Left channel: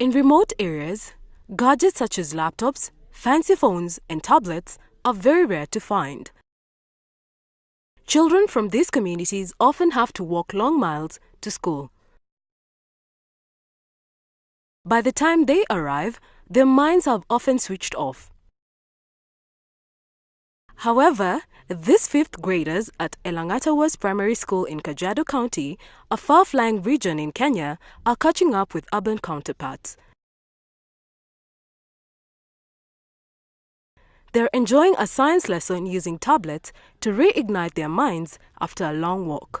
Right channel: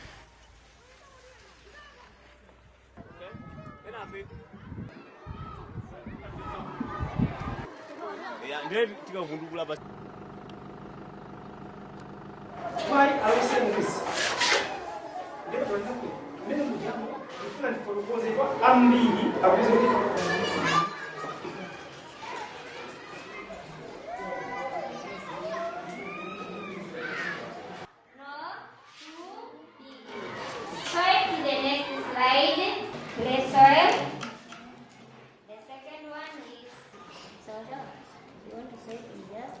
In remote areas, gadgets such as laptops, fancy phones and tablets are very rare to find. Children from these communities often have to walk long miles to school. By the time they arrive, their minds are often switched off. However, these fifth graders at Elengatawuas Primary School in Kajiado County, a far-flung region in Kenya, are catching up with urban counterparts. They're enjoying a science lesson using tablets to reignite their minds after a long walk.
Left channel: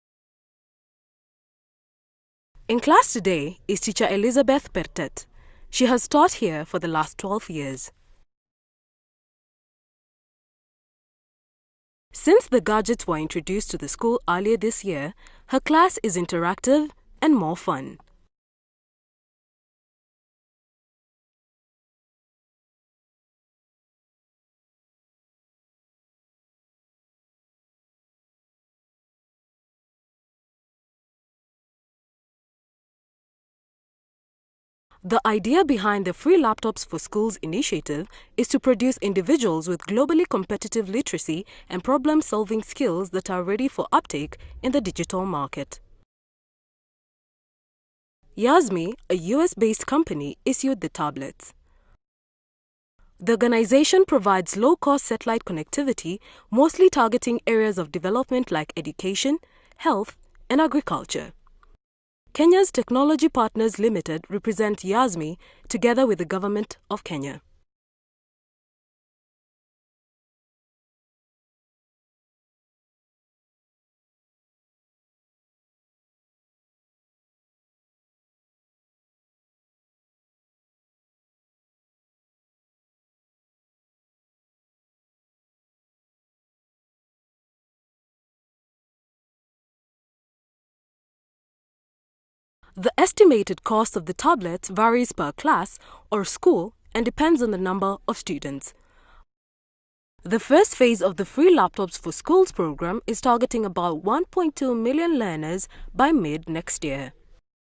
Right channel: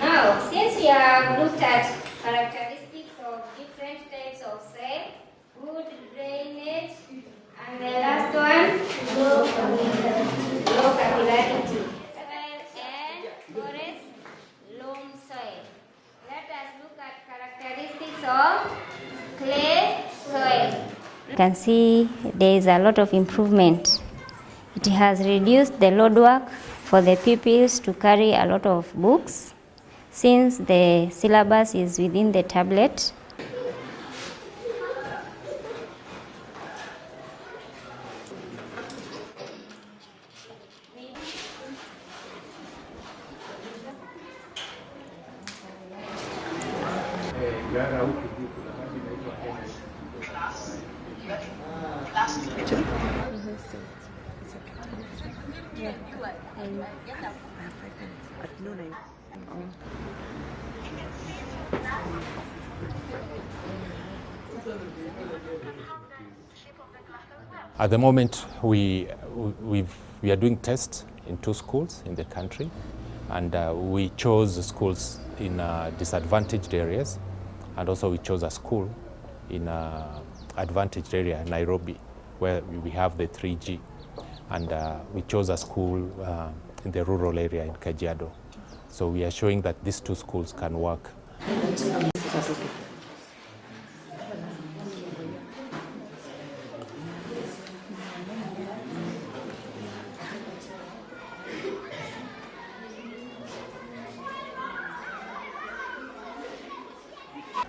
Now, since we have looked at In class today is teacher Elizabeth Pertet. She has taught here for the last 12 years. the last one, low capillarity. Since the gadgets were introduced to the school earlier this year, her class is interactive and more fun. So, clay, soil. You can see there is a lot of improvement. It has reduced the load work for the pupils to carry a lot of books since the syllabus is within the tablet. The idea behind the Free Laptops for Schools initiative is to produce individuals with globally competitive literacy and problem-solving skills that are ready for uptake in the digital market. Yasmi, a US-based company, issued the tablets. The organization provides low-cost satellite connectivity, mostly targeting areas of development like education, health, and agriculture. Kenya's Technology Partners Limited represents Yasmi together with the government of Kenya. At the moment, we are doing tests in 2 schools in the country, and we chose the schools in disadvantaged areas, and also we chose a school in advantaged area, Nairobi, where we have the 3G, and we chose a school in the rural area in Kajiado. So we are showing that these 2 schools can work. The estimated cost of the tablets varies per class or school and depends on the number of students. The first phase of the Free Laptops for Schools program is targeting about 1.2 million learners by mid next year.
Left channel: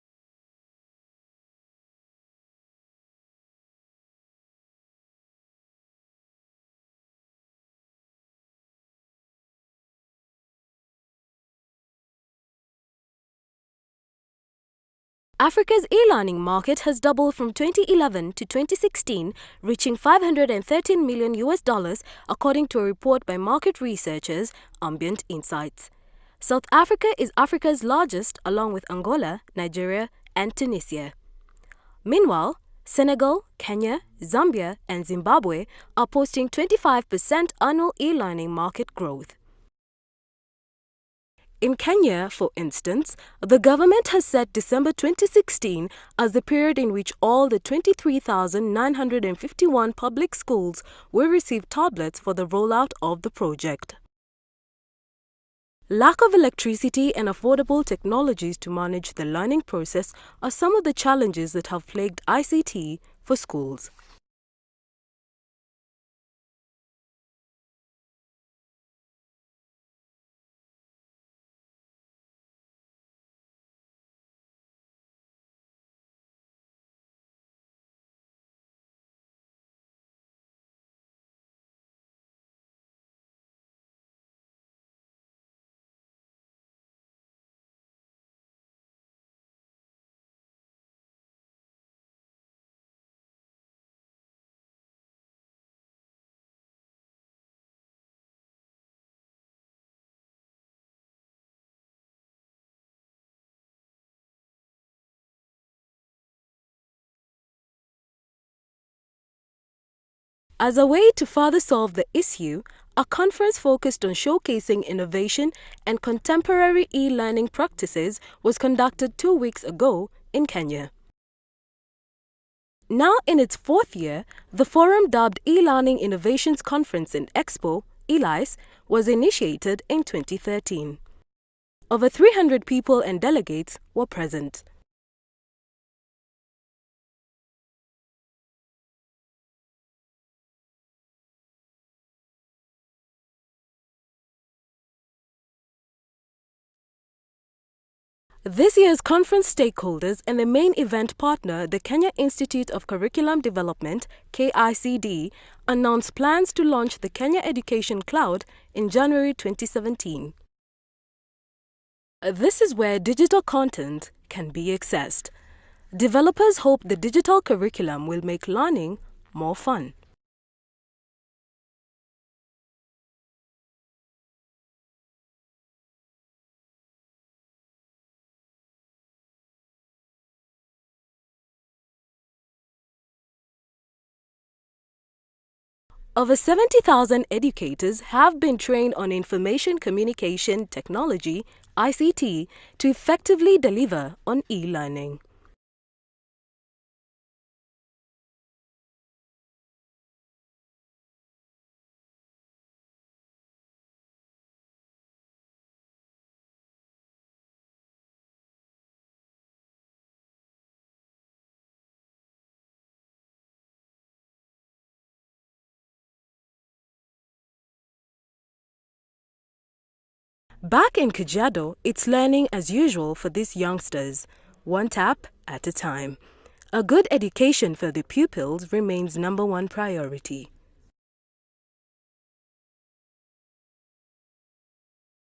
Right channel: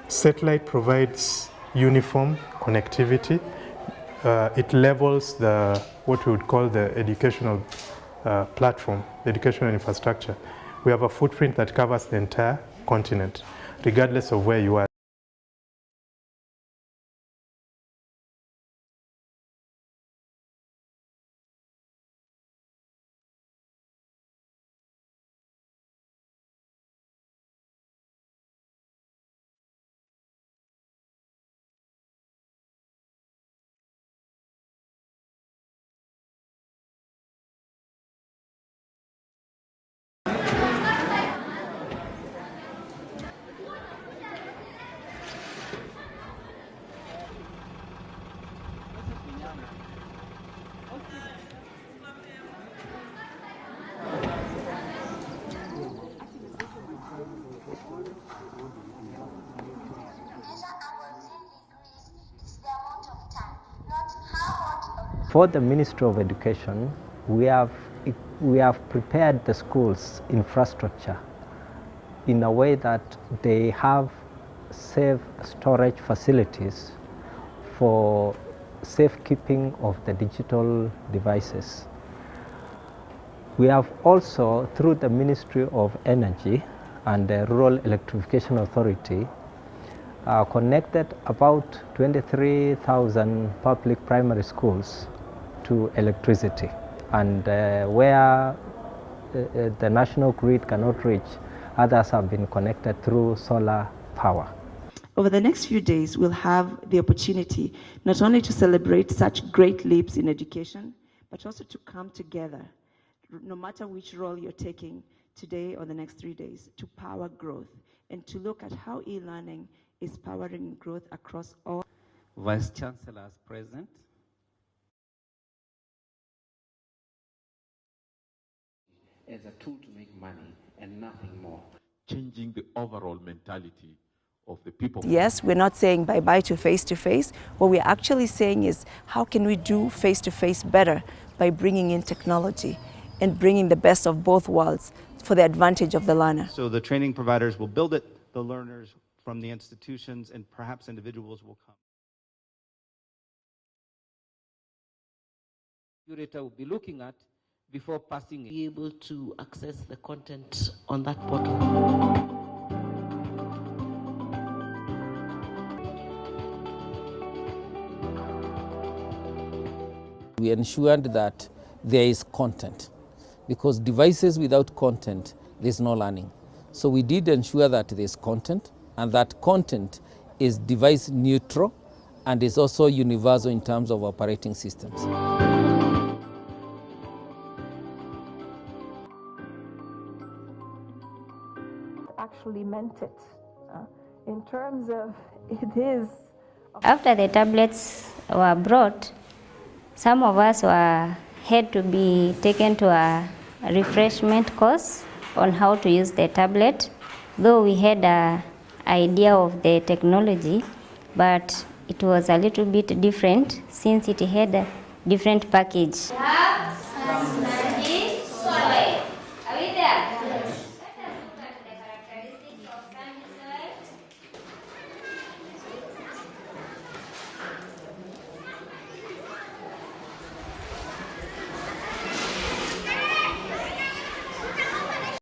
Satellite provides uniform connectivity. It levels what we would call the educational platform, the educational infrastructure. We have a footprint that covers the entire continent, regardless of where you are. Africa's e-learning market has doubled from 2011 to 2016, reaching $513 million according to a report by market researchers Ambient Insights. South Africa is Africa's largest, along with Angola, Nigeria, and Tunisia. Meanwhile, Senegal, Kenya, Zambia, and Zimbabwe are posting 25% annual e-learning market growth. In Kenya, for instance, the government has set December 2016 as the period in which all the 23,951 public schools will receive tablets for the rollout of the project. Lack of electricity and affordable technologies to manage the learning process are some of the challenges that have plagued ICT for schools. For the Ministry of Education, we have prepared the schools' infrastructure in a way that they have safe storage facilities for safekeeping of the digital devices. We have also, through the Ministry of Energy and the Rural Electrification Authority, connected about 23,000 public primary schools to electricity. And where the national grid cannot reach, others have been connected through solar power. Over the next few days, we'll have the opportunity not only to celebrate such great leaps in education. As a way to further solve the issue, a conference focused on showcasing innovation and contemporary e-learning practices was conducted 2 weeks ago in Kenya. Now in its 4th year, the forum dubbed E-Learning Innovations Conference and Expo, ELICE, was initiated in 2013. Over 300 people and delegates were present. Yes, we're not saying bye-bye to face-to-face. What we're actually saying is how can we do face-to-face better by bringing in technology and bringing the best of both worlds for the advantage of the learner. So the training providers will build it, This year's conference stakeholders and the main event partner, the Kenya Institute of Curriculum Development, KICD, announced plans to launch the Kenya Education Cloud in January 2017. This is where digital content can be accessed. Developers hope the digital curriculum will make learning more fun. We ensured that there is content, because devices without content, there's no learning. So we did ensure that there's content, and that content is device neutral and is also universal in terms of operating systems. Over 70,000 educators have been trained on information communication technology, ICT, to effectively deliver on e-learning. After the tablets were brought, some of us had to be taken to a refreshment course on how to use the tablet, though we had an idea of the technology, but it was a little bit different since it had a different package. Back in Kajiado, it's learning as usual for these youngsters, one tap at a time. A good education for the pupils remains #1 priority.